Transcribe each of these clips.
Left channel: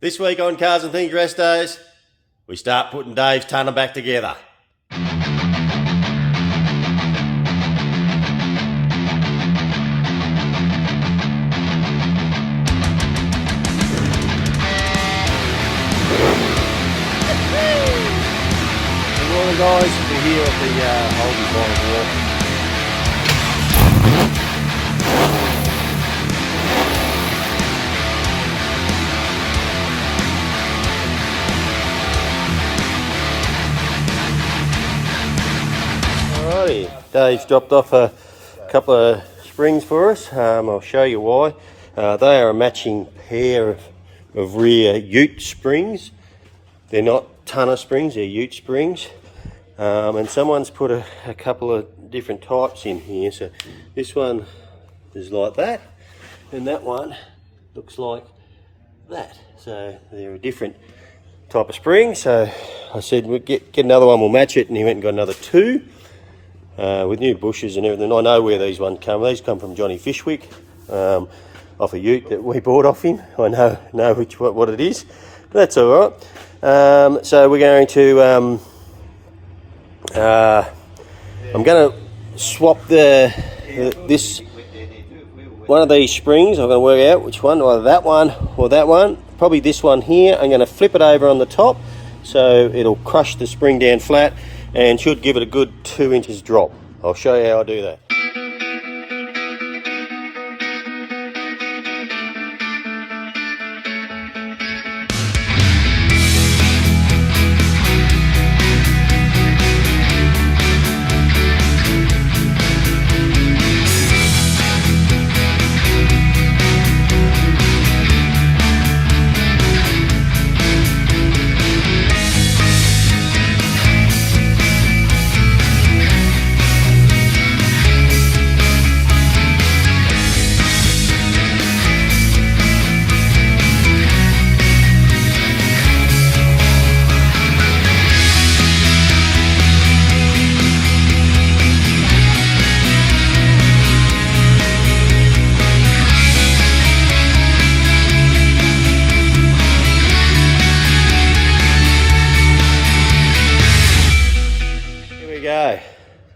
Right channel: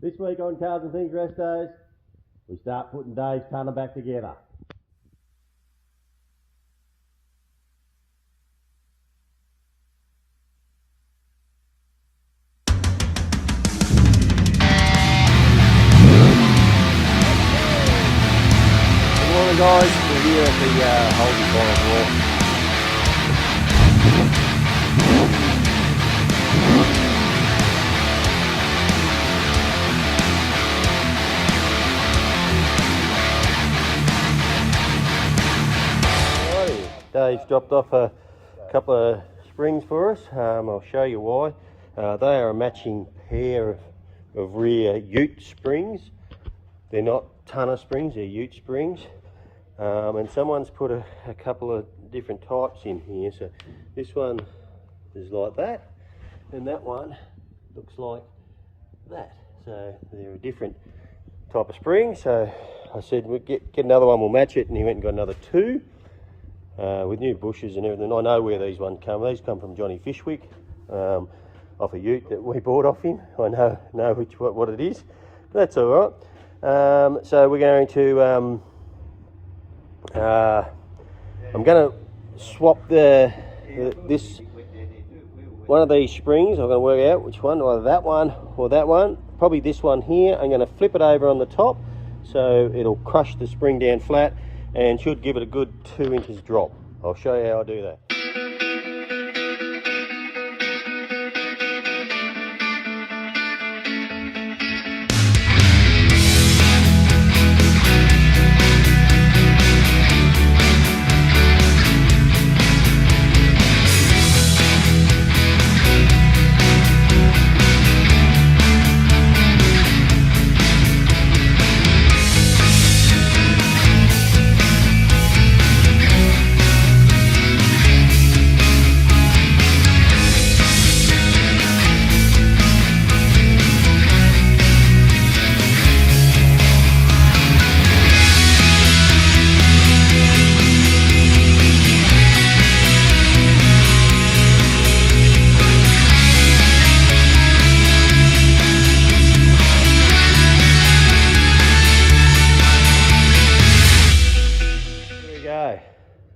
This week on Cars and Things Restos, we start putting Dave's tonner back together. Good morning, guys. We're here at the Holden Bottom Wharf. Dave's dropped off a couple of springs for us. I'll show you why. They are a matching pair of rear ute springs. They're not tonner springs, they're ute springs. And someone's put a couple of different types in here. So this one is like that, and that one looks like that. So they're a different type of spring. So I said we'll get another one, we'll match it, and he went and got another two. With new bushes and everything. I know where these ones come. These come from Johnny Fishwick, off a ute that we bought off him. I know what it is, but that's all right. So we're going to I'm going to swap this one of these springs. I'm going to work out which one, either that one or that one. Probably this one here. I'm going to flip it over on the top so it'll crush the spring down flat and should give it a good 2 inches drop. I'll show you how I do that.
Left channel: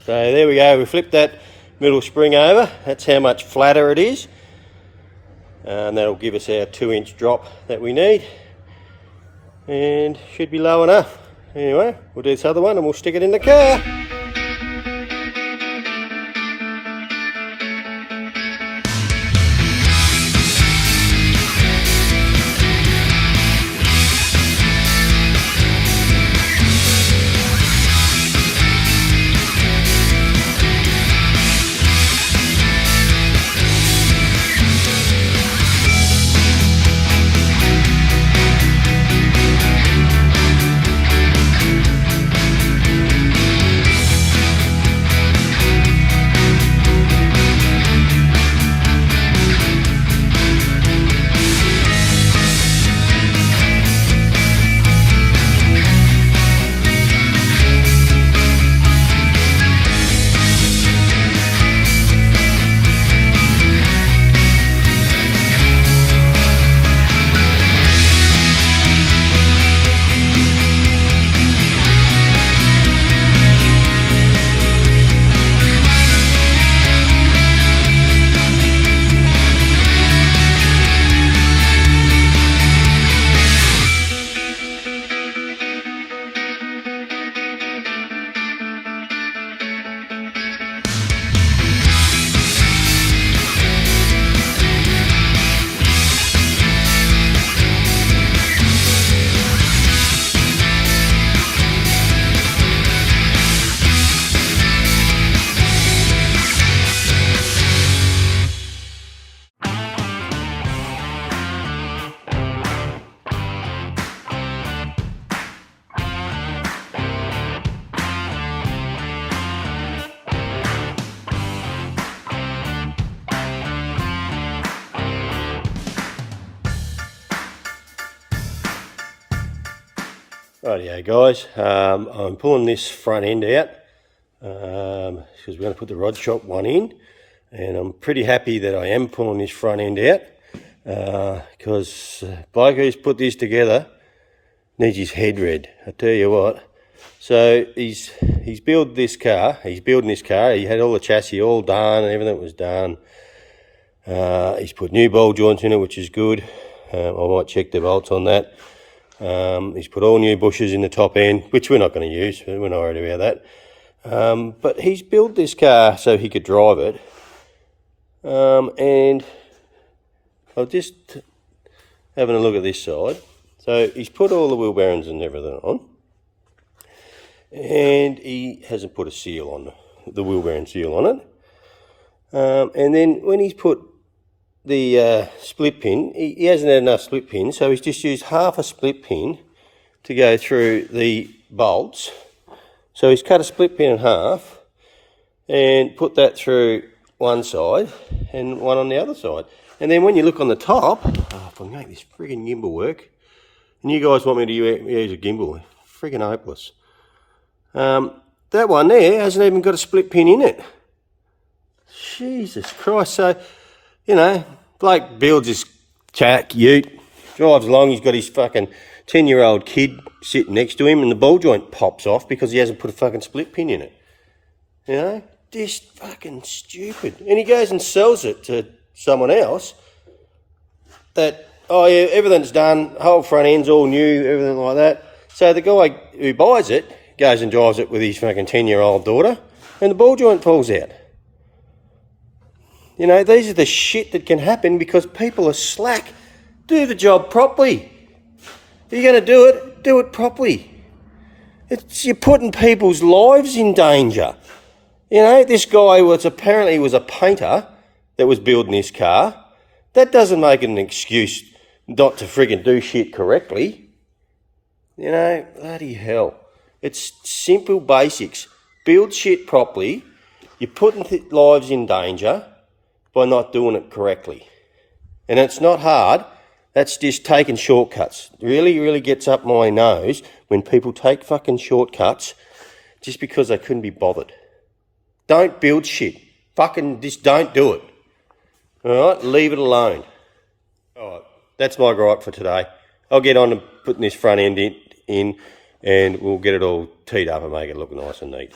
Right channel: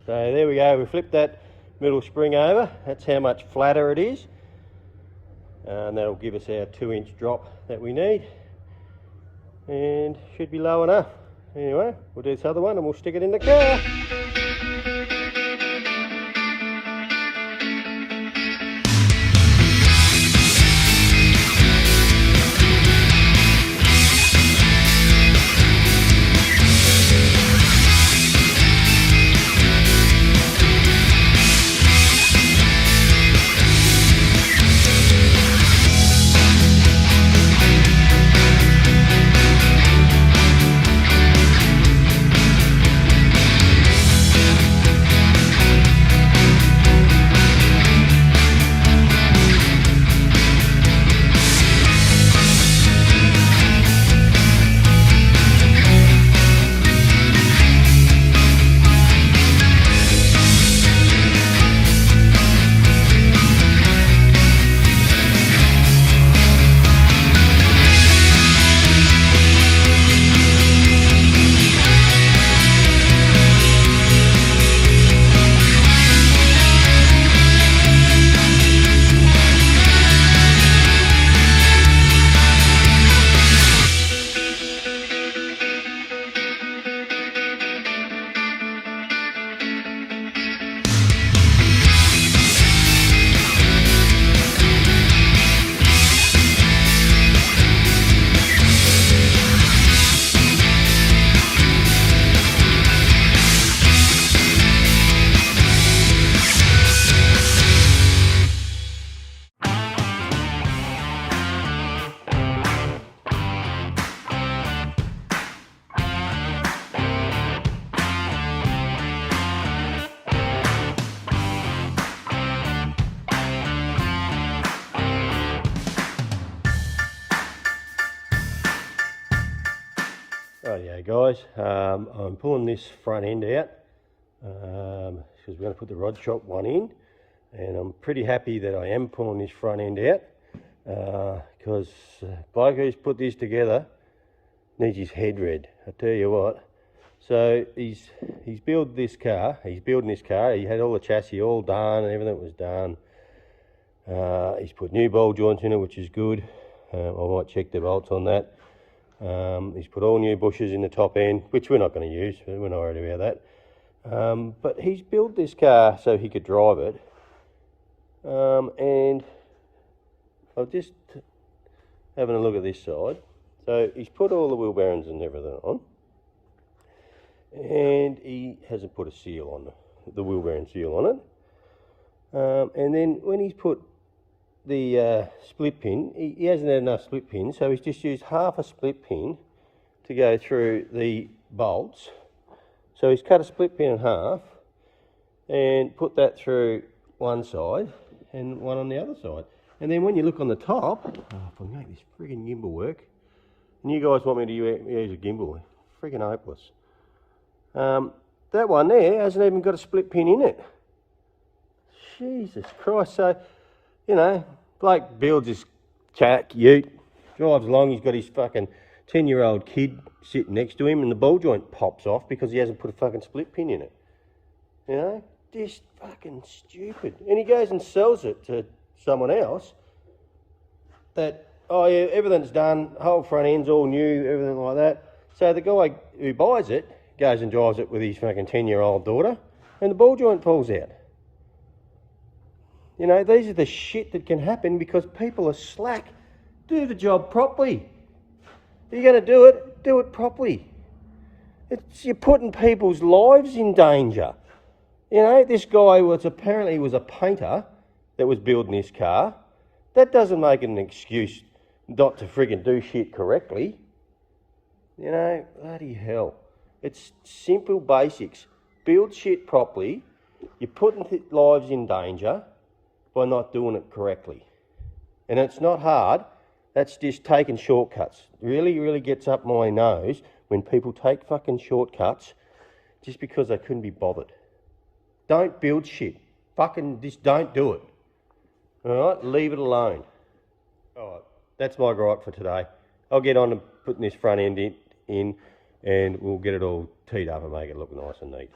So there we go, we flipped that middle spring over. That's how much flatter it is. And that'll give us our 2 inch drop that we need. And should be low enough. Anyway, we'll do this other one and we'll stick it in the car. Rightio guys, I'm pulling this front end out because we're going to put the rod shop one in, and I'm pretty happy that I am pulling this front end out. because bloke who's put this together needs his head read, I tell you what. So he's building this car. He had all the chassis all done and everything was done. He's put new ball joints in it, which is good. I might check the bolts on that. He's put all new bushes in the top end, which we're not going to use. We're not worried about that. But he's built this car so he could drive it. And I'll just having a look at this side. So he's put all the wheel bearings and everything on. And he hasn't put a seal on the wheel bearing seal on it. And then when he's put the split pin, he hasn't had enough split pins, so he's just used half a split pin to go through the bolts. So he's cut a split pin in half and put that through one side and one on the other side. And then when you look on the top, if I make this friggin' gimbal work, and you guys want me to use a gimbal, friggin' hopeless. That one there hasn't even got a split pin in it. Jesus Christ. So, you know, bloke builds his ute, drives along, he's got his fucking 10-year-old kid sitting next to him and the ball joint pops off because he hasn't put a fucking split pin in it. You know, just fucking stupid. And he goes and sells it to someone else that, oh yeah, everything's done, whole front end's all new, everything like that. So the guy who buys it goes and drives it with his fucking 10-year-old daughter and the ball joint falls out. You know, these are the shit that can happen because people are slack. Do the job properly. If you're going to do it properly. You're putting people's lives in danger. You know, this guy apparently was a painter that was building this car. That doesn't make it an excuse not to friggin' do shit correctly. You know, bloody hell. It's simple basics. Build shit properly. You're putting lives in danger by not doing it correctly. And it's not hard, that's just taking shortcuts. It really, really gets up my nose when people take fucking shortcuts just because they couldn't be bothered. Don't build shit. Fucking just don't do it. Alright, leave it alone. Alright, that's my gripe for today. I'll get on to putting this front end in and we'll get it all teed up and make it look nice and neat.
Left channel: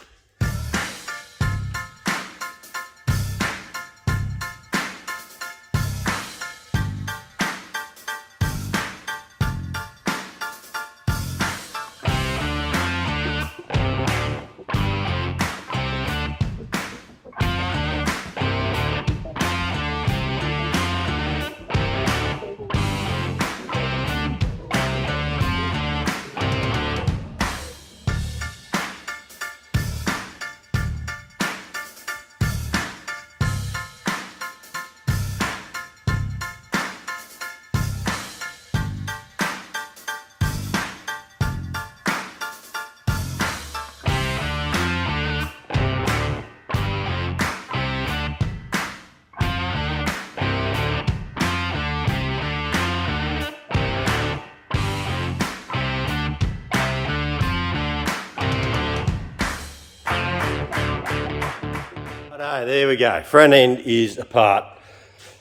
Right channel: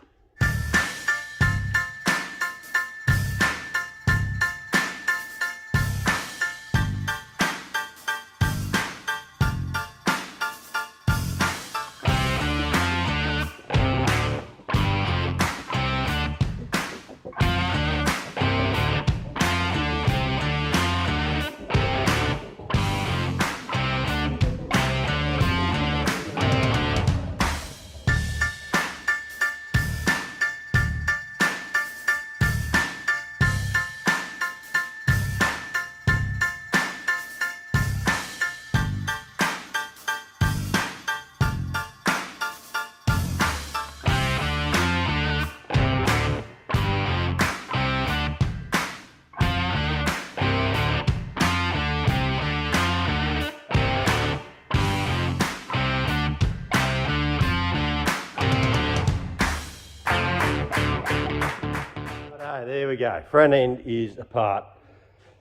There we go, front end is apart.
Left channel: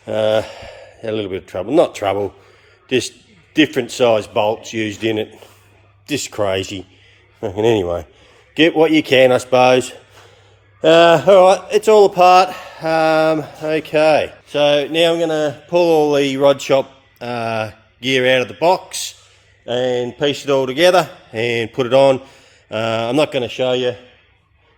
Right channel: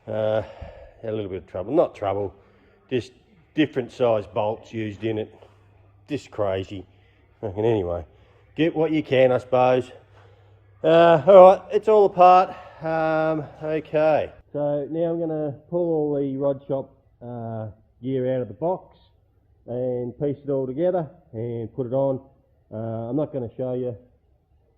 A little bit of trouble, not trouble, just different size bolts used in it. Just crazy. And anyway, get what you can, I suppose. Alright, it's all apart. Okay, so now I'm going to pull all the rod shop gear out of the box and piece it all together and put it on. I'm not going to show you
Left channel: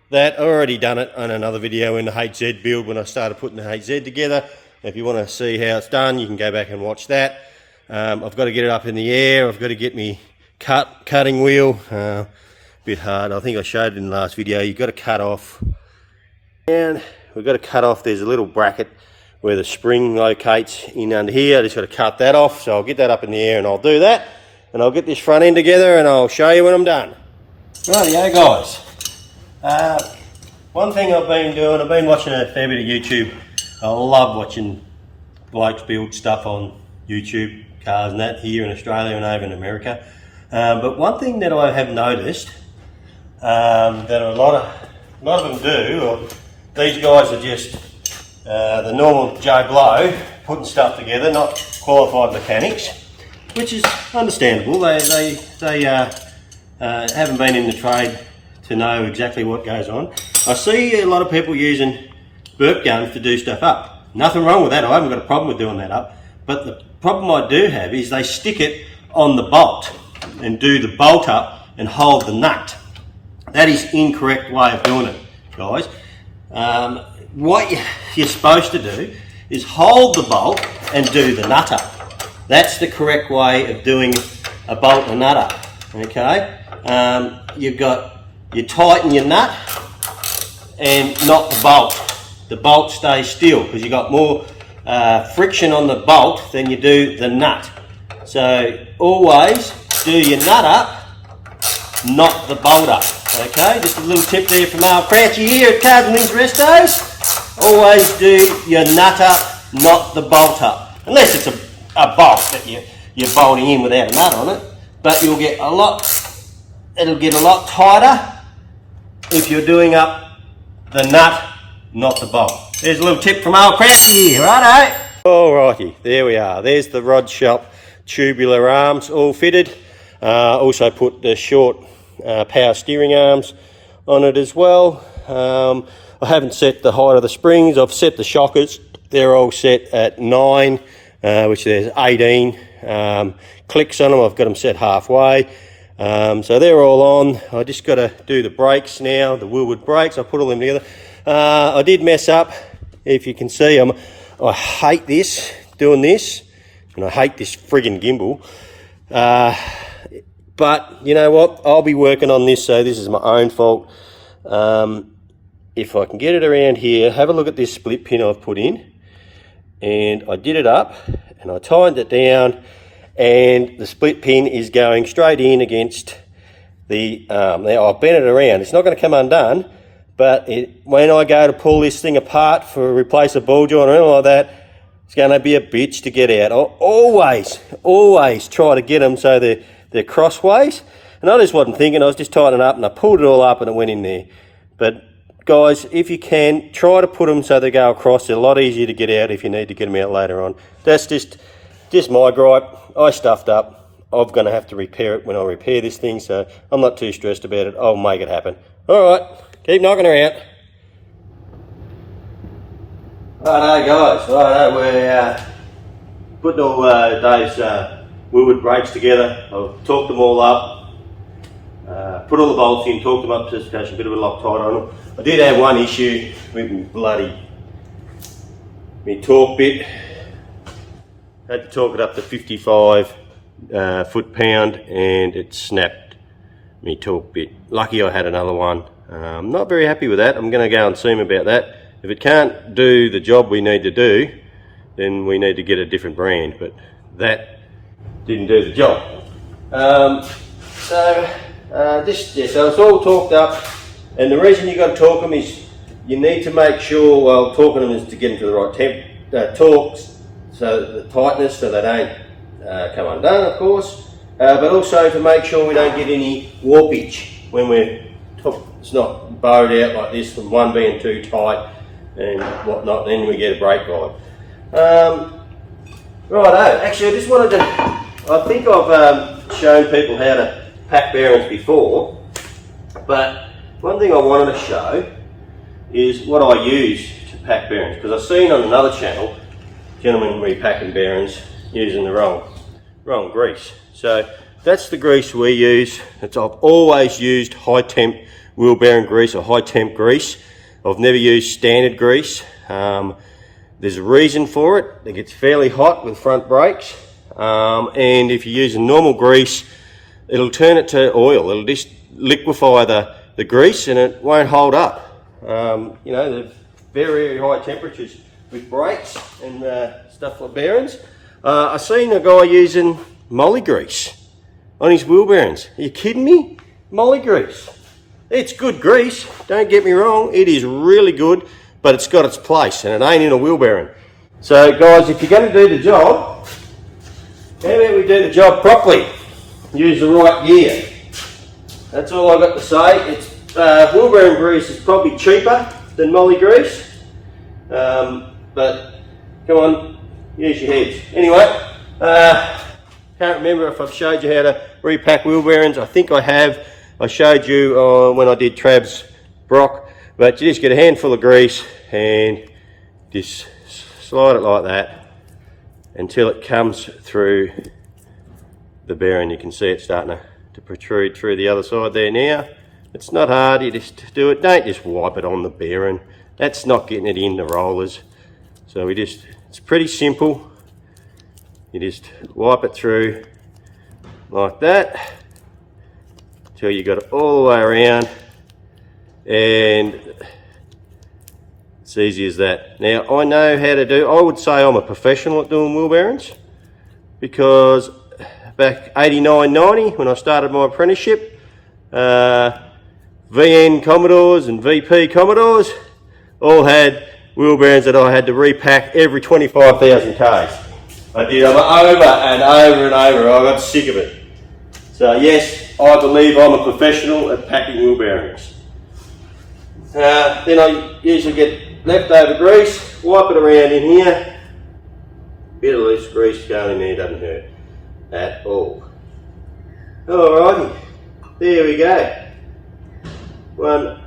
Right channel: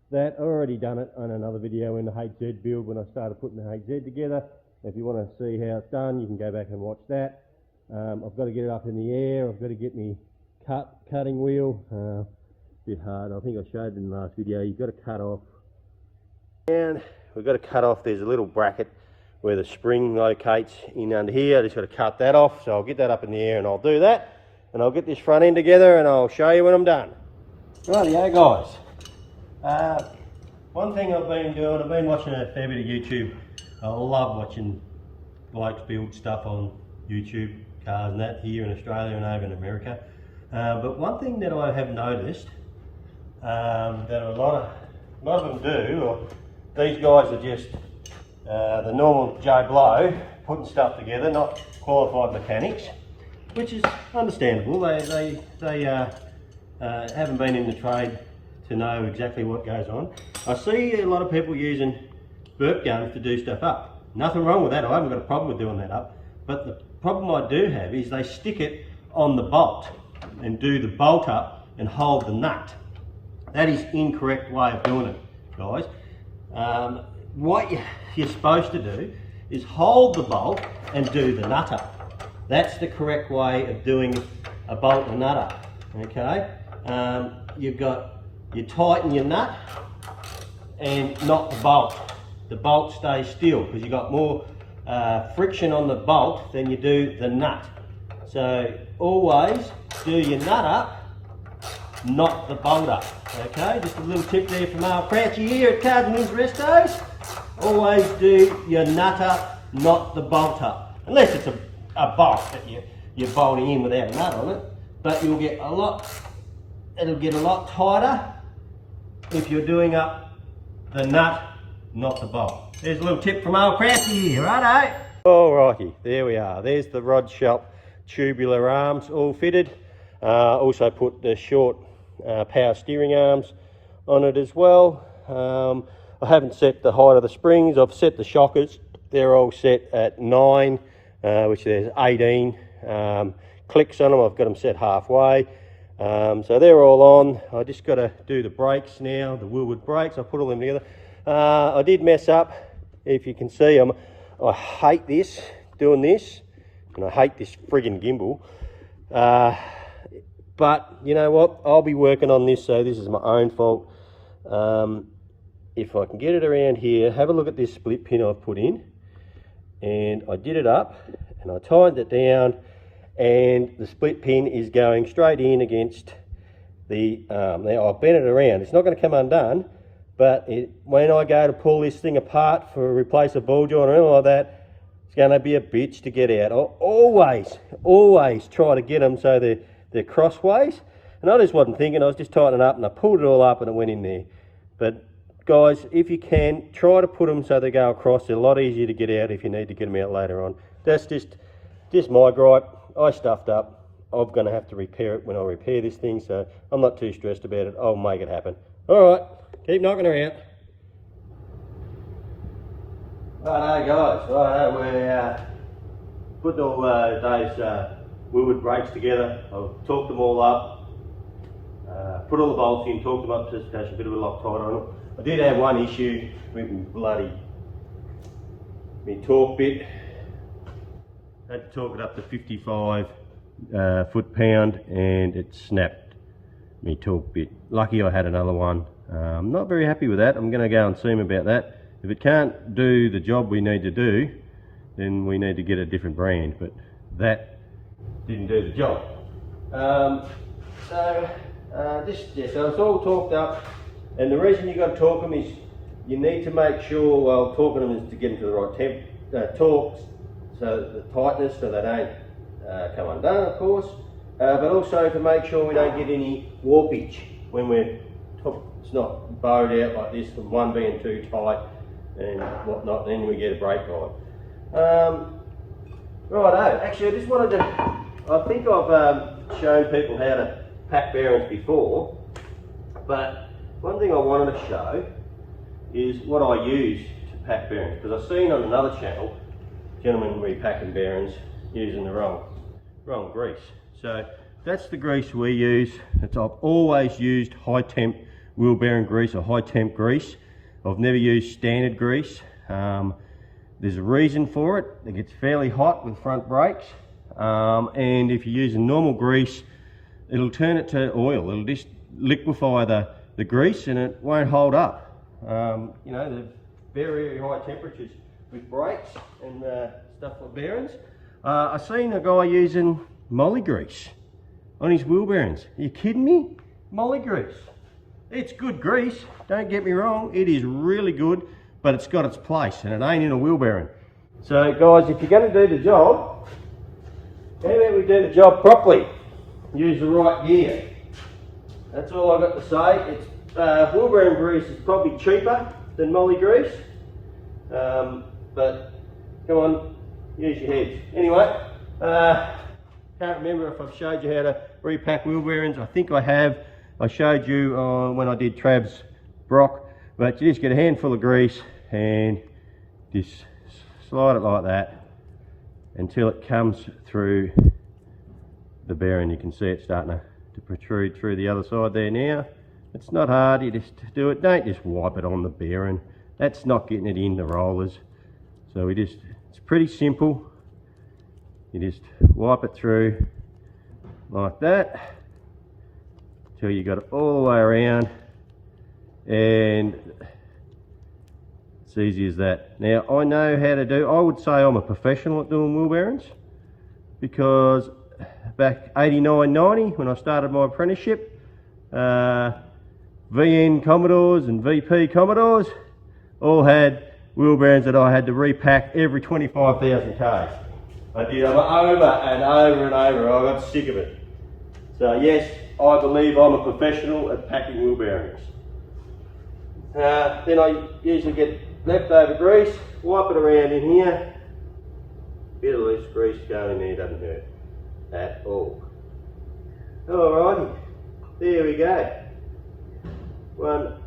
that. I've already done it on another video in the HZ build when I started putting the HZ together. If you want to see how it's done, you can go back and watch that. I've got to get it up in the air. I've got to get me cutting wheel. Bit hard. I think I showed it in the last video. You've got to cut off. And we've got to cut off. There's a little bracket where the spring locates in under here. I just got to cut that off. So I'll get that up in the air and I'll do that. And I'll get this front end together and I'll show you when I'm done. Rightio guys. One thing I've been doing, I've been watching a fair bit of YouTube. I love watching blokes build stuff on YouTube, cars and that, here in Australia and over in America. But one thing that I have noticed that a lot of them do, or these guys are just the normal Joe Blow, putting stuff together, not qualified mechanics, which is understandable. They haven't been in the trade to know exactly what goes on. I see a lot of people using burp guns to do stuff up. Nothing wrong with that, I haven't got a problem with doing that up, but the problem I do have is they stick it on the bolt and do the bolt up and hold the nut. That is incorrect way of doing it, guys. What you're supposed to do is hold the bolt and do the nut up. That's the correct way of doing a bolt and a nut up, okay? You tighten your nut and not the bolt. The bolt stays still because you've got more friction on the bolt than you do the nut. So always do your nut up, not the bolt up, okay? Just a little tip there from our Crouchy here at Cars and Wings Restos. Always do your nut up, not the bolt up. Unless it's a bolt that you're bolting in without a nut on it. But it'll get a lot tighter if you're doing up the nut, not the bolt. There's a little tip from our Crouchy here, righto? Alrighty, there we are. There's the Rod Shop tubular arms all fitted. Also put the short power steering arms on it as well. I haven't set the height of the springs. I've set the shockers. They're all set at 9, which there's 18 clicks on them. I've got them set halfway. So they're all on. I just got to do the brakes now, the Wilwood brakes. I put all them together. I did mess up. If you can see, I hate this, doing this, and I hate this friggin' gimbal. But you know what? I'll be working on this, so this is my own fault. If I can get it around here, have a look at this split pin I've put in. And I did it up, and I tightened it down, and the split pin is going straight in against the arm. Now I've bent it around. It's not going to come undone, but when I go to pull this thing apart for replace a ball joint or anything like that, it's going to be a bitch to get out. I always try to get them so they're crossways. And I just wasn't thinking, I was just tightening up, and I pulled it all up and it went in there. But guys, if you can, try to put them so they go across. They're a lot easier to get out if you need to get them out later on. That's just my gripe. I stuffed up. I'm going to have to repair it when I repair this thing, so I'm not too stressed about it. I'll make it happen. All right, keep knocking her out. Righto guys, righto, we're putting all those Wilwood brakes together. I've torqued them all up, put all the bolts in, torqued them up to specification, a bit of a Loctite on them. I did have one issue with me torque bit. Had to torque it up to 55 foot-pound, and it snapped me torque bit. Lucky I had another one. I'm not very happy with that. I'm going to go and see him about that. If it can't do the job we need to do, then we need to get a different brand, but that didn't do the job. So it's all torqued up, and the reason you've got to torque them is you need to make sure, well, torquing them is to get them to the right torque, so the tightness, so they don't come undone, of course, but also to make sure we don't get any warpage when it's not bowed out like this, from one being too tight and whatnot, then we get a brake guide. Righto, actually I just wanted to, I think I've shown people how to pack bearings before, but one thing I wanted to show is what I use to pack bearings, because I've seen on another channel gentlemen repacking bearings using the wrong grease. So that's the grease we use. I've always used high temp wheel bearing grease or high temp grease. I've never used standard grease. There's a reason for it. It gets fairly hot with front brakes, and if you use a normal grease, it'll turn it to oil. It'll just liquefy the grease and it won't hold up. You know, the very high temperatures with brakes and stuff like bearings. I've seen a guy using moly grease on his wheel bearings. Are you kidding me? Moly grease. It's good grease, don't get me wrong, it is really good, but it's got its place and it ain't in a wheel bearing. So guys, if you're going to do the job, how about we do the job properly? Use the right gear. That's all I've got to say. It's wheel bearing grease is probably cheaper than moly grease, but come on, use your heads. Anyway, can't remember if I've showed you how to repack wheel bearings. I think I have. I showed you when I did Trav's Brock, but you just get a handful of grease and just slide it like that until it comes through the bearing. You can see it starting to protrude through the other side there now. It's not hard, you just do it. Don't just wipe it on the bearing. That's not getting it in the rollers. So it's pretty simple. You just wipe it through like that until you got it all the way around, and it's easy as that. Now I know how to do, I would say I'm a professional at doing wheel bearings, because back 89, 90 when I started my apprenticeship, VN Commodores and VP Commodores all had wheel bearings that I had to repack every 25,000 Ks. I did them over and over and over. I got sick of it. So yes, I believe I'm a professional at packing wheel bearings. Then I usually get leftover grease, wipe it around in here. Bit of loose grease going in there doesn't hurt at all. Alrighty, there we go. One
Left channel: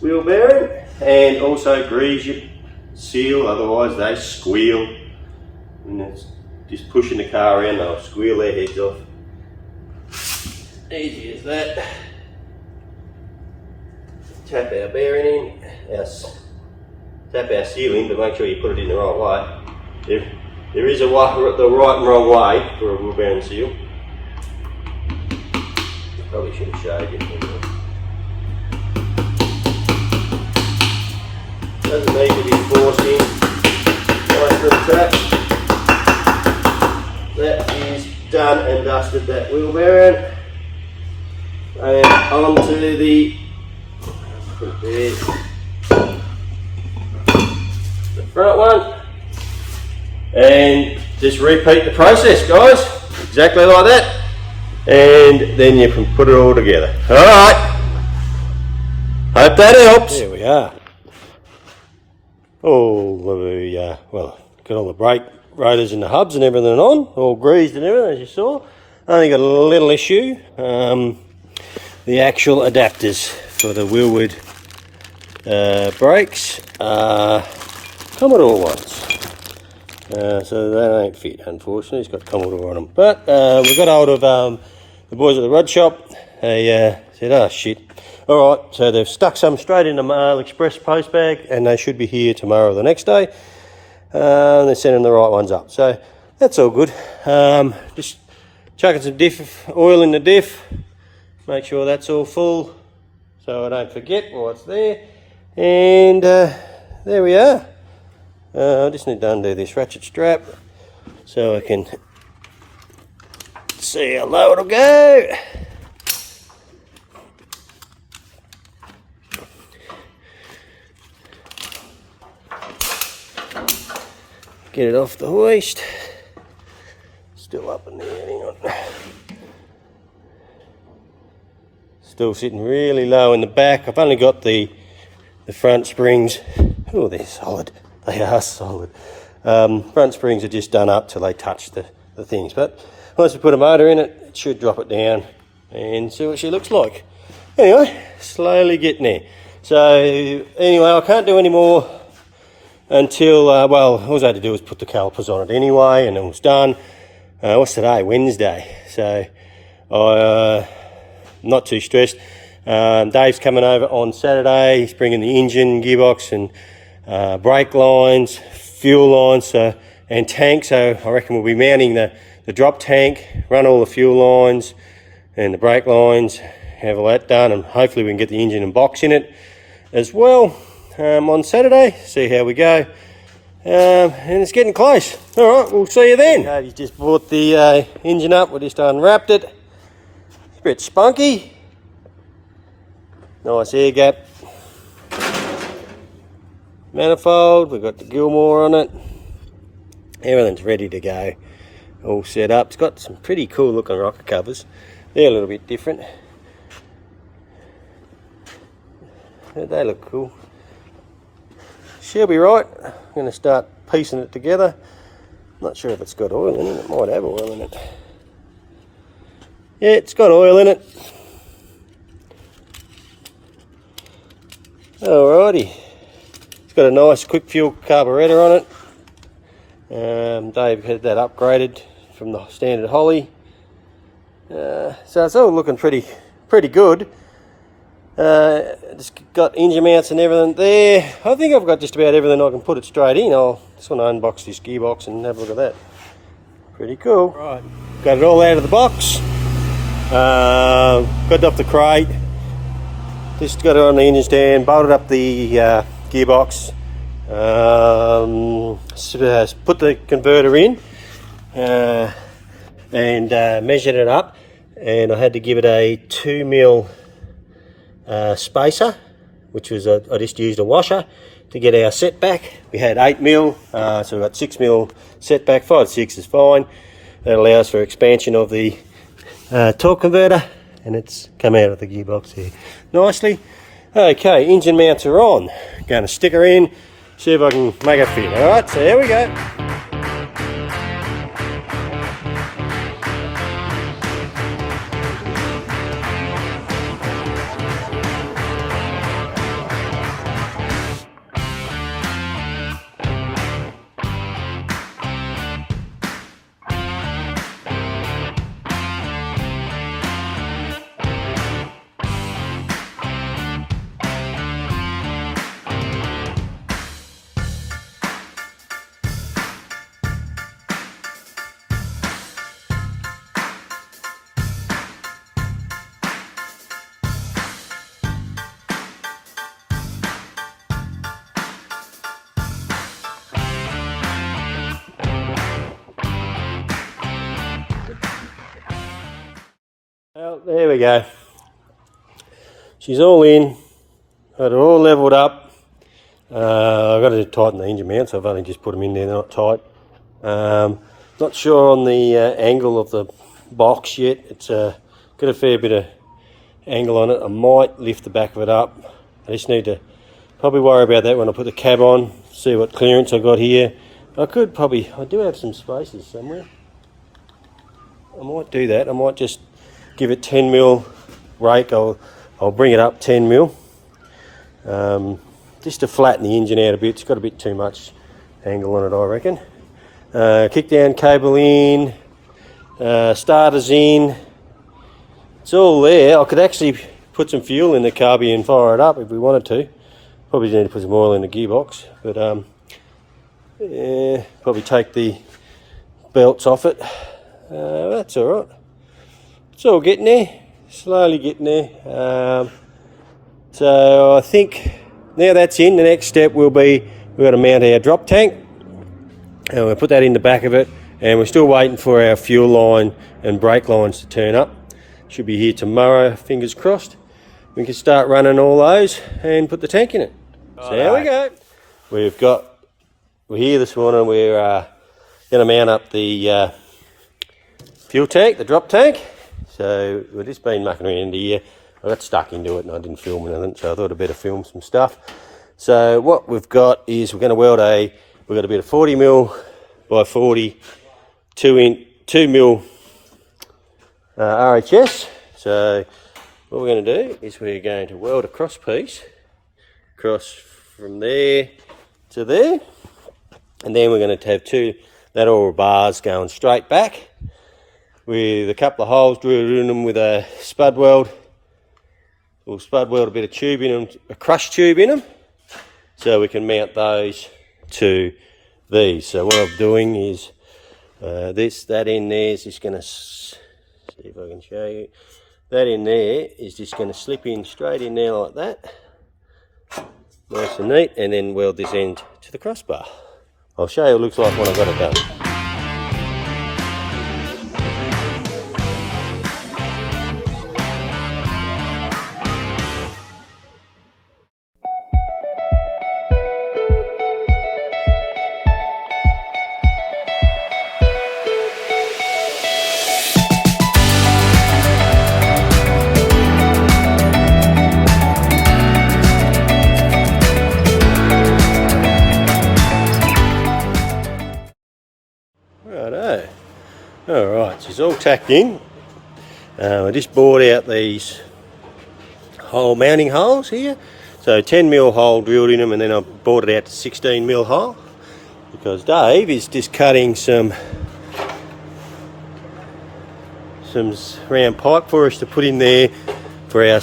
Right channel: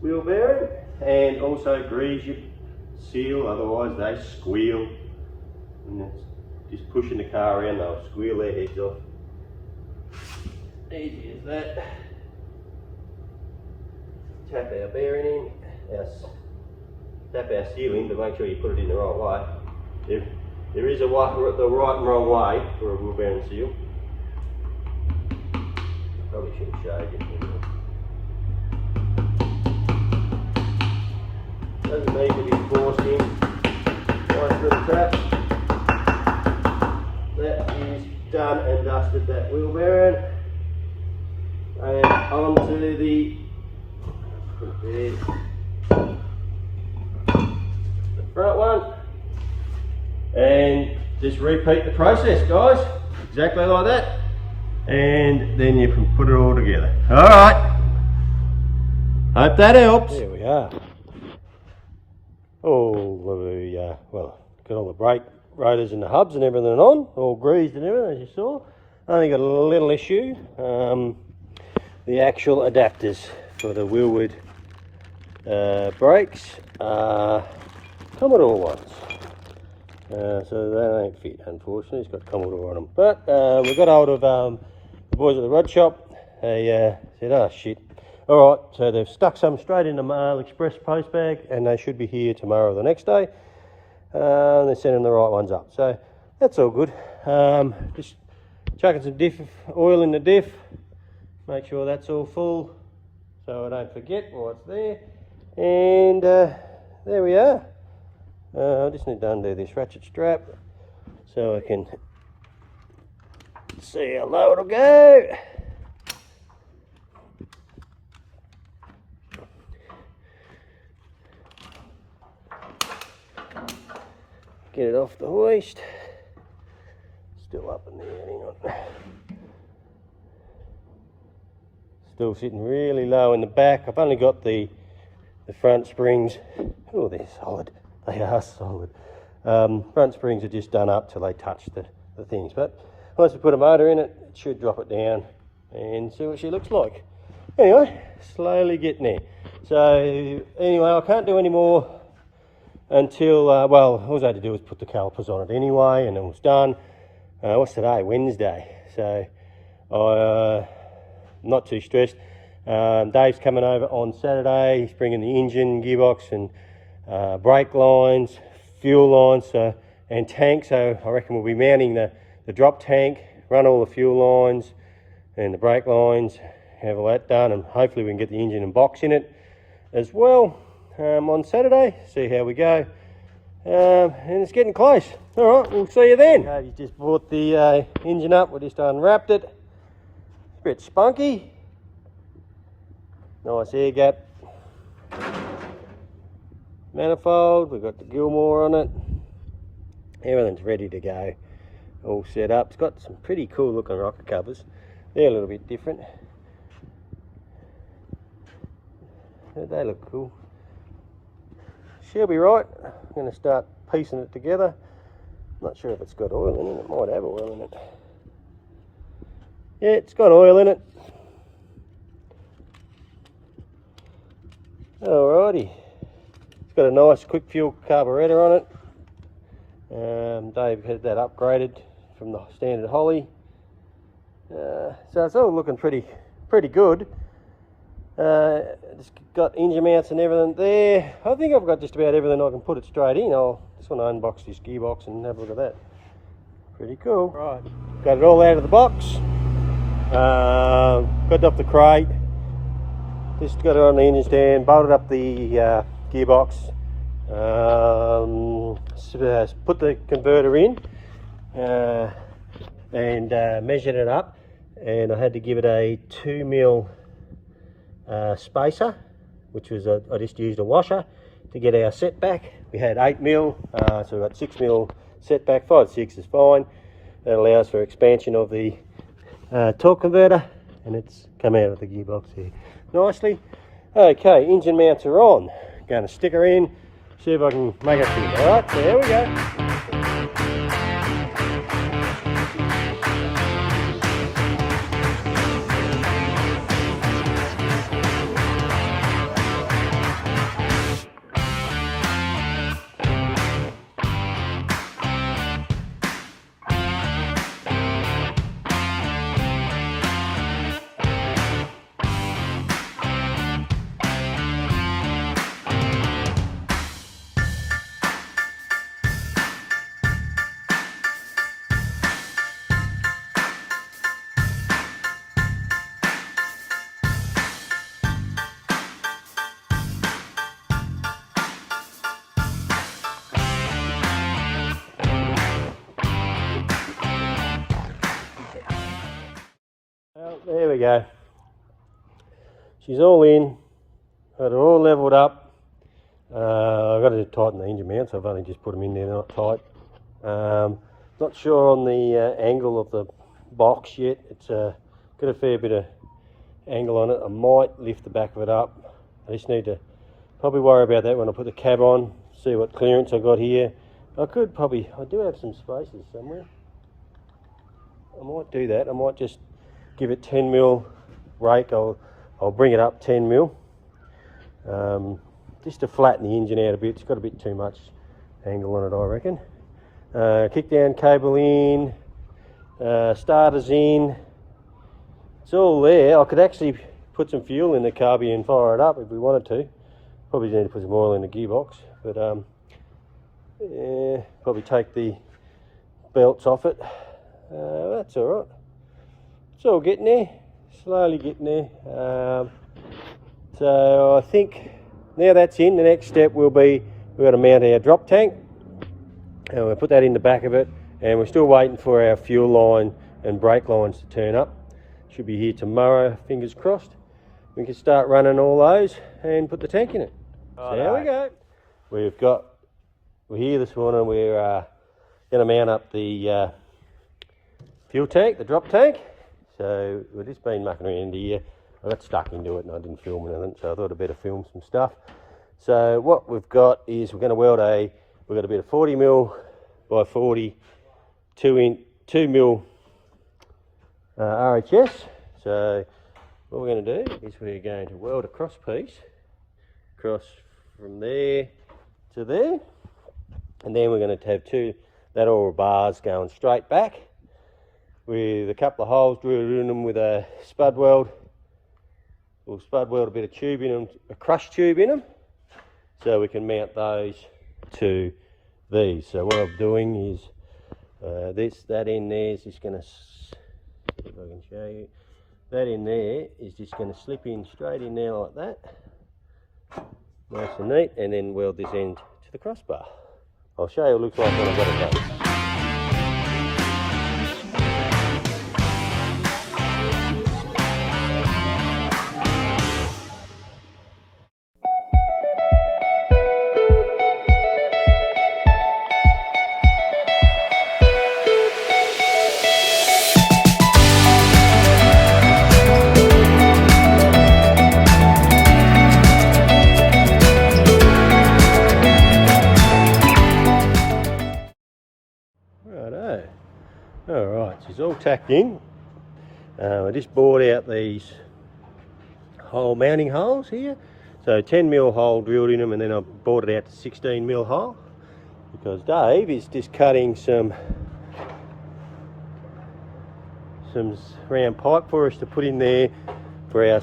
wheel bearing, and also grease your seal, otherwise they squeal. And it's just pushing the car around, they'll squeal their heads off. Easy as that. Tap our bearing in, tap our seal in, but make sure you put it in the right way. There is the right and wrong way for a wheel bearing seal. Probably should have showed you. Doesn't need to be forcing. Nice little tap. That is done and dusted, that wheel bearing. And onto the front one. And just repeat the process, guys. Exactly like that. And then you can put it all together. Alright. Hope that helps. There we are. Well, got all the brake rotors and the hubs and everything on, all greased and everything, as you saw. Only got a little issue. The actual adapters for the wheelwood brakes are Commodore ones. So they don't fit, unfortunately. It's got Commodore on them. But we got hold of the boys at the rod shop. They said, oh shit. Alright, so they've stuck some straight in the Mail Express post bag, and they should be here tomorrow or the next day. They're sending the right ones up. So that's all good. Just chucking some oil in the diff. Make sure that's all full so I don't forget what's there. And there we are. I just need to undo this ratchet strap so I can see how low it'll go. Get it off the hoist. Still up in there, hang on. Still sitting really low in the back. I've only got the front springs. Oh, they're solid. They are solid. Front springs are just done up till they touch the things. But once we put a motor in it, it should drop it down and see what she looks like. Anyway, slowly getting there. So anyway, I can't do any more until, well, all I had to do was put the calipers on it anyway, and it was done. What's today? Wednesday. So I'm not too stressed. Dave's coming over on Saturday. He's bringing the engine, gearbox, and brake lines, fuel lines, and tank. So I reckon we'll be mounting the drop tank, run all the fuel lines and the brake lines, have all that done, and hopefully we can get the engine and box in it as well on Saturday. See how we go. And it's getting close. All right, we'll see you then. Davey's just brought the engine up. We just unwrapped it. It's a bit spunky. Nice air gap. Manifold, we've got the Gilmore on it. Everything's ready to go. All set up. It's got some pretty cool looking rocker covers. They're a little bit different. They look cool. She'll be right. I'm going to start piecing it together. Not sure if it's got oil in it. It might have oil in it. Yeah, it's got oil in it. Alrighty. It's got a nice quick fuel carburetor on it. Dave had that upgraded from the standard Holly. So it's all looking pretty good. It's got engine mounts and everything there. I think I've got just about everything I can put it straight in. I'll just want to unbox this gearbox and have a look at that. Pretty cool. Right, got it all out of the box. Got it off the crate. Just got it on the engine stand, bolted up the gearbox. Put the converter in and measured it up, and I had to give it a 2mm spacer, which was I just used a washer to get our setback. We had 8mm, so we've got 6mm setback. 5/6 is fine. That allows for expansion of the torque converter, and it's come out of the gearbox here nicely. Okay, engine mounts are on. Going to stick her in, see if I can make it fit. Alright, so there we go. Well, there we go. She's all in. Got her all levelled up. I've got to tighten the engine mounts. I've only just put them in there, they're not tight. Not sure on the angle of the box yet. It's got a fair bit of angle on it. I might lift the back of it up. I just need to probably worry about that when I put the cab on, see what clearance I got here. I could probably, I do have some spaces somewhere. I might do that. I might just give it 10mm rake. I'll bring it up 10mm, just to flatten the engine out a bit. It's got a bit too much angle on it, I reckon. Kick down cable in, starters in. It's all there. I could actually put some fuel in the carby and fire it up if we wanted to. Probably need to put some oil in the gearbox, but yeah, probably take the belts off it. That's all right. It's all getting there, slowly getting there. So I think now that's in, the next step will be we've got to mount our drop tank, and we'll put that in the back of it, and we're still waiting for our fuel line and brake lines to turn up. Should be here tomorrow, fingers crossed. We can start running all those and put the tank in it. So there we go. We're here this morning. We're going to mount up the fuel tank, the drop tank. So we've just been mucking around here. I got stuck into it and I didn't film anything, so I thought I'd better film some stuff. So what we've got is we're going to weld we've got a bit of 40mm by 40 2mm RHS. So what we're going to do is we're going to weld a cross piece across from there to there, and then we're going to have two lateral bars going straight back with a couple of holes drilled in them with a spud weld. We'll spud weld a bit of tube in them, a crush tube in them, so we can mount those to these. So what I'm doing is that in there is just going to, see if I can show you, that in there is just going to slip in straight in there like that, nice and neat, and then weld this end to the crossbar. I'll show you what it looks like when I've got it done. is all tacked in. I just bored out these hole mounting holes here. So 10mm hole drilled in them, and then I bored it out to 16mm hole because Dave is just cutting some round pipe for us to put in there for our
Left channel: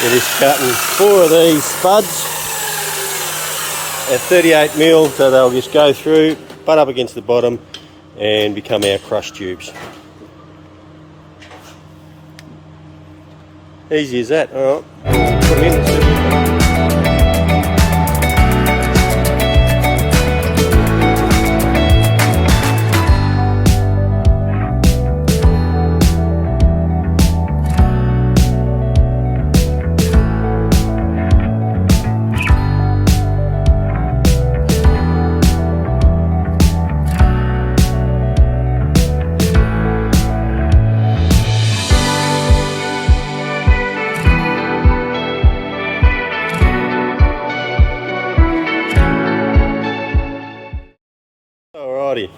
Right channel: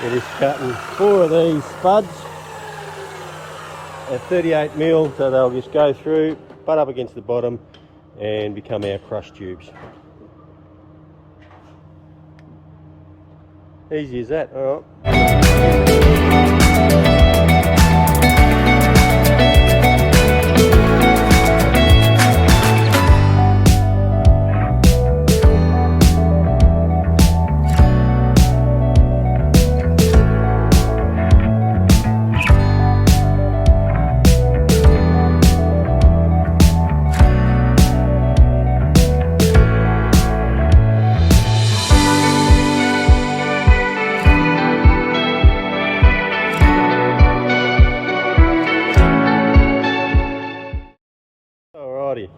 We're just cutting 4 of these spuds at 38mm, so they'll just go through, butt up against the bottom and become our crush tubes. Easy as that. All right.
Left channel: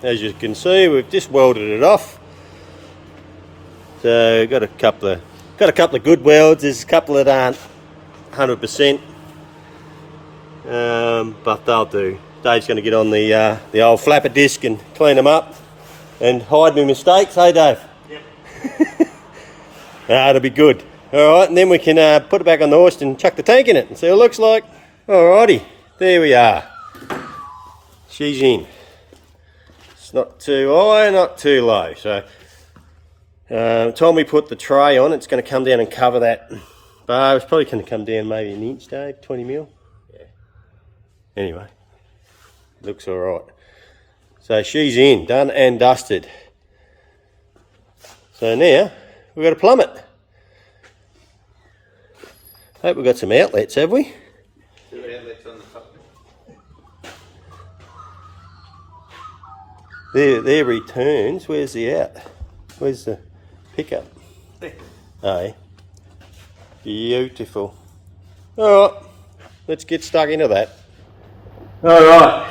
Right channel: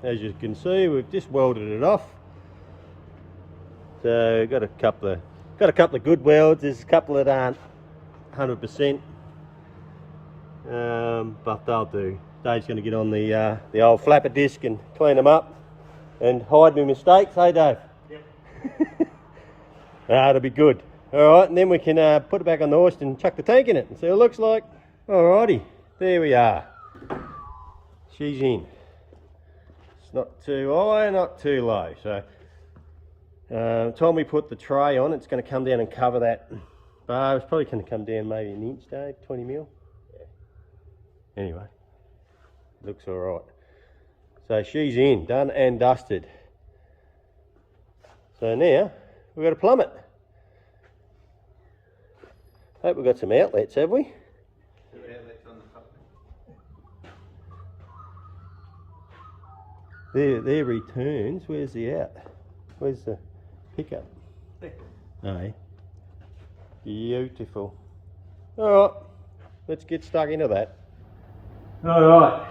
As you can see, we've just welded it off. So got a couple of good welds. There's a couple that aren't 100%, but they'll do. Dave's going to get on the old flapper disc and clean them up and hide my mistakes. Hey, Dave. Yep. It'll be good. All right, and then we can put it back on the hoist and chuck the tank in it and see what it looks like. Alrighty, there we are. She's in. It's not too high, not too low. So, time we put the tray on, it's going to come down and cover that bar. It's probably going to come down maybe an inch, Dave, 20mm. Yeah. Anyway, looks all right. So she's in, done and dusted. So now we've got to plumb it. Hope we've got some outlets, have we? 2 outlets on the top. There returns. Where's the out? Where's the pickup? There. Oh, yeah. Beautiful. All right, let's get stuck into that. All right.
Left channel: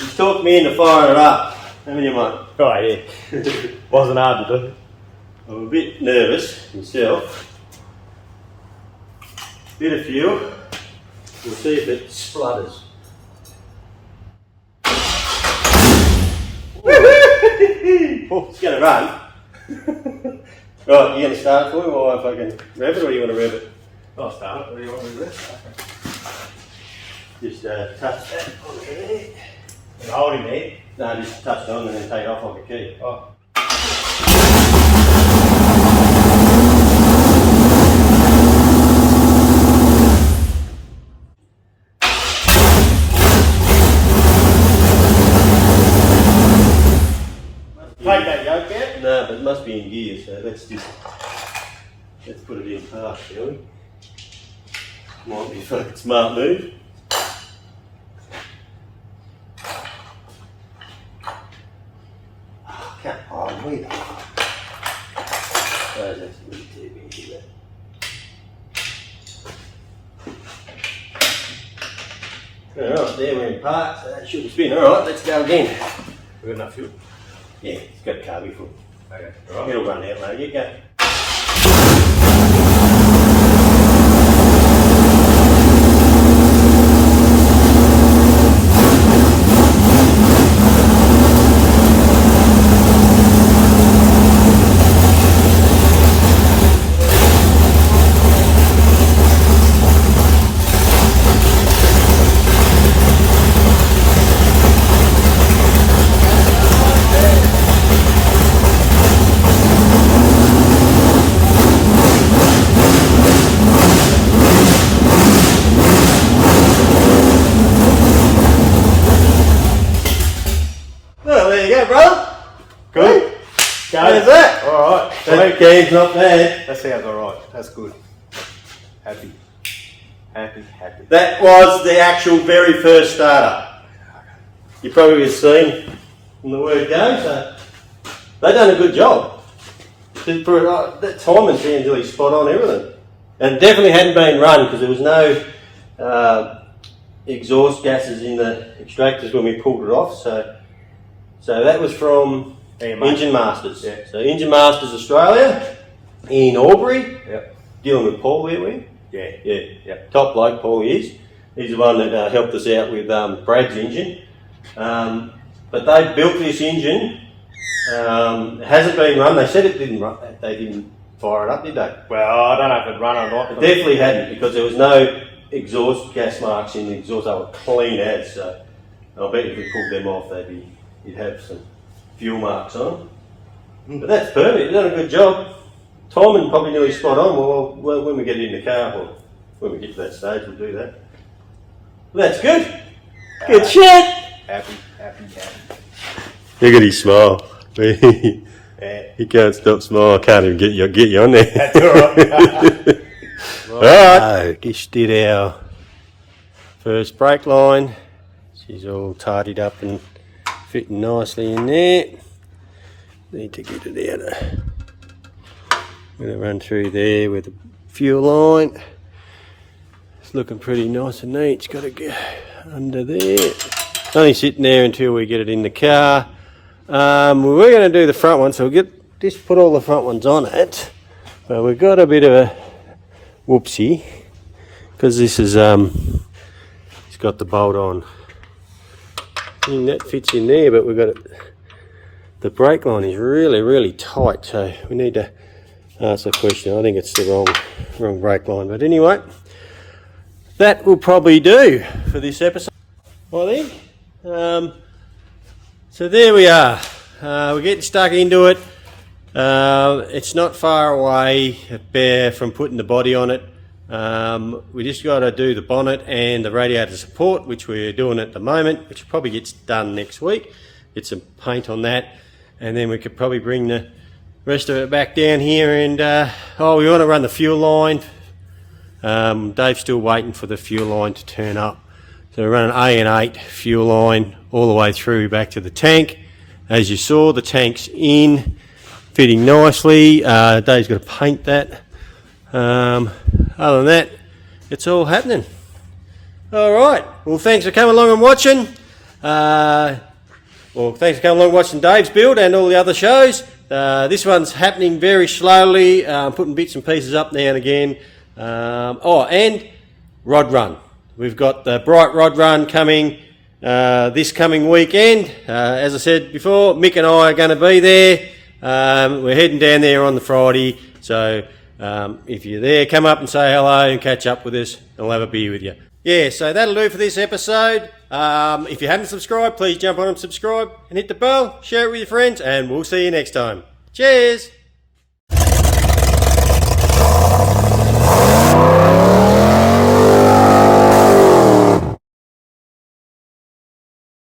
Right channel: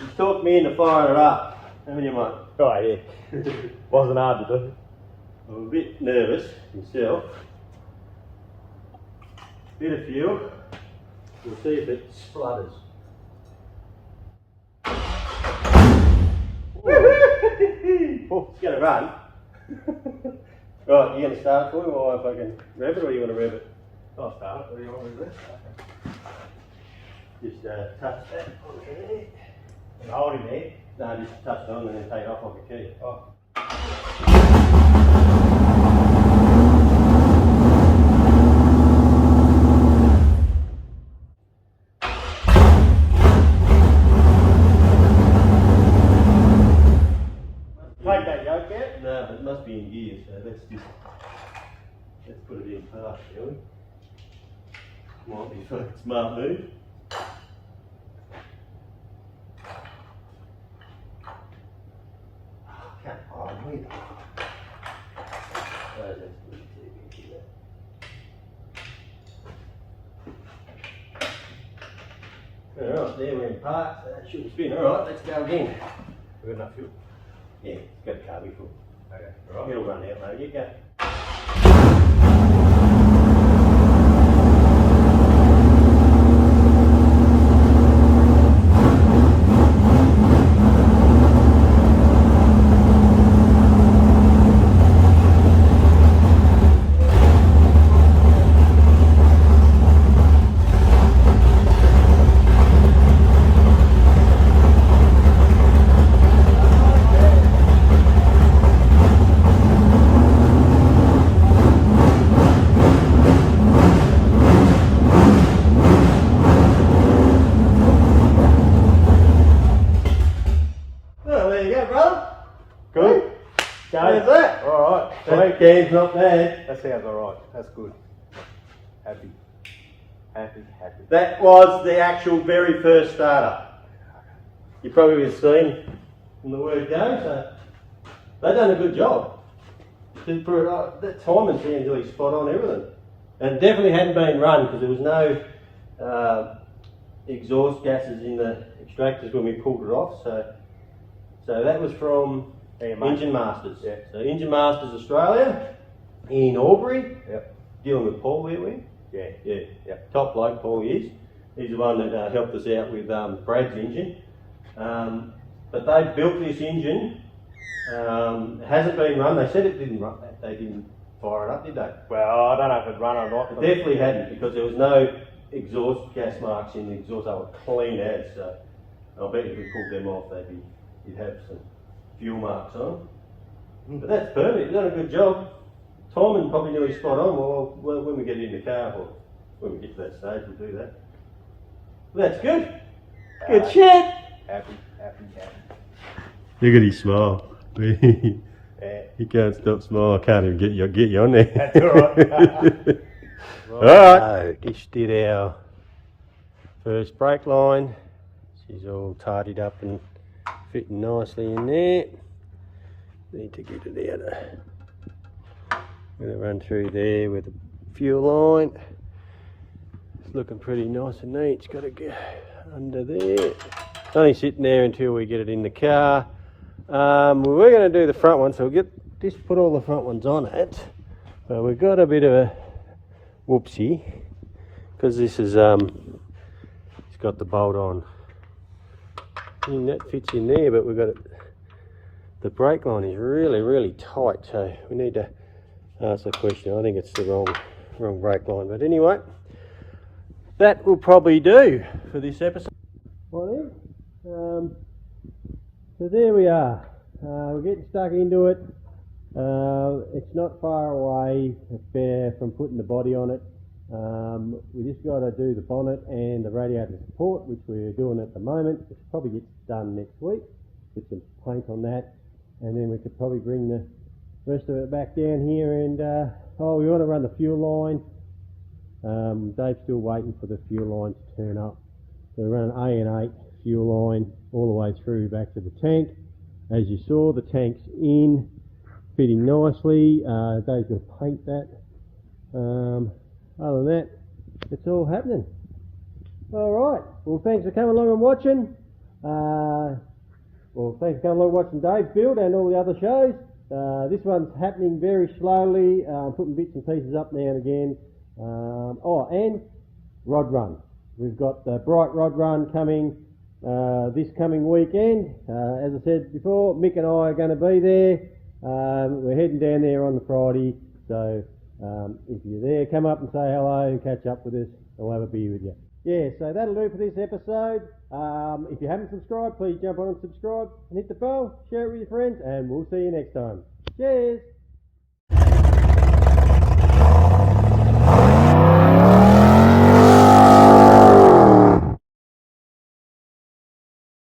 You talked me into firing it up. How many am I? Oh yeah. Wasn't hard to do. I'm a bit nervous myself. Bit of fuel. We'll see if it splutters. It's going to run. Right, you going to start it for me, or if I can rev it, or do you want to rev it? I'll start it. What do you want me to do? Just touch that on there. And hold him there. No, just touch it on and then take it off like a key. Oh. Take that yoke out? No, but it must be in gear, so let's put it in park, shall we? Might be a fucking smart move. Oh, can't hold me. Oh, that's a bit too big, isn't it? Alright, there we're in park, so that should spin. Alright, let's go again. We've got enough fuel. Yeah, it's got a carby full. Okay. Right. It'll run out later. You go. How's that? Alright. That game's not bad. That sounds alright. That's good. Happy. Happy. That was the actual very first starter. You probably have seen from the word go, so they've done a good job. That timing sounds really spot on everything. And definitely hadn't been run because there was no exhaust gases in the extractors when we pulled it off. So that was from Engine Masters. Yeah. So Engine Masters Australia in Albury. Yep. Dealing with Paul there, we? Yeah. Yeah. Yep. Top bloke, Paul is. He's the one that helped us out with Brad's engine. But they built this engine. It hasn't been run. They said it didn't run. They didn't fire it up, did they? Well, I don't know if it run or not. It definitely hadn't, because there was no exhaust gas marks in the exhaust. They were clean as. So I bet if we pulled them off, you'd have some fuel marks on them. But that's perfect. You've done a good job. Timing probably nearly spot on. Well, when we get it in the car, well, when we get to that stage, we'll do that. Well, that's good. Good shit. Happy. Look at his smile. Yeah. He can't stop smiling. I can't even get you on there. That's alright. Alright, just did our first brake line. She's all tidied up and fitting nicely in there. Need to get it out. I'm going to run through there with the fuel line. It's looking pretty nice and neat. It's got to go under there. It's only sitting there until we get it in the car. We were going to do the front one, so we'll just put all the front ones on it. But we've got a bit of a whoopsie, because this is it's got the bolt on. And that fits in there, but we've got it. The brake line is really tight, so we need to ask the question. I think it's the wrong brake line, but anyway, that will probably do for this episode, I think. So there we are. We're getting stuck into it. It's not far away from putting the body on it. We just got to do the bonnet and the radiator support, which we're doing at the moment, which probably gets done next week. Get some paint on that, and then we could probably bring the rest of it back down here. And we want to run the fuel line. Dave's still waiting for the fuel line to turn up. So we're running A&8 fuel line all the way through back to the tank. As you saw, the tank's in, fitting nicely. Dave's got to paint that. Other than that, it's all happening. All right. Well, thanks for coming along and watching. Thanks for coming along and watching Dave's build and all the other shows. This one's happening very slowly. Putting bits and pieces up now and again. And rod run. We've got the Bright Rod Run coming this coming weekend. As I said before, Mick and I are going to be there. We're heading down there on the Friday. So if you're there, come up and say hello and catch up with us, and we'll have a beer with you. Yeah, so that'll do for this episode. If you haven't subscribed, please jump on and subscribe and hit the bell, share it with your friends, and we'll see you next time. Cheers!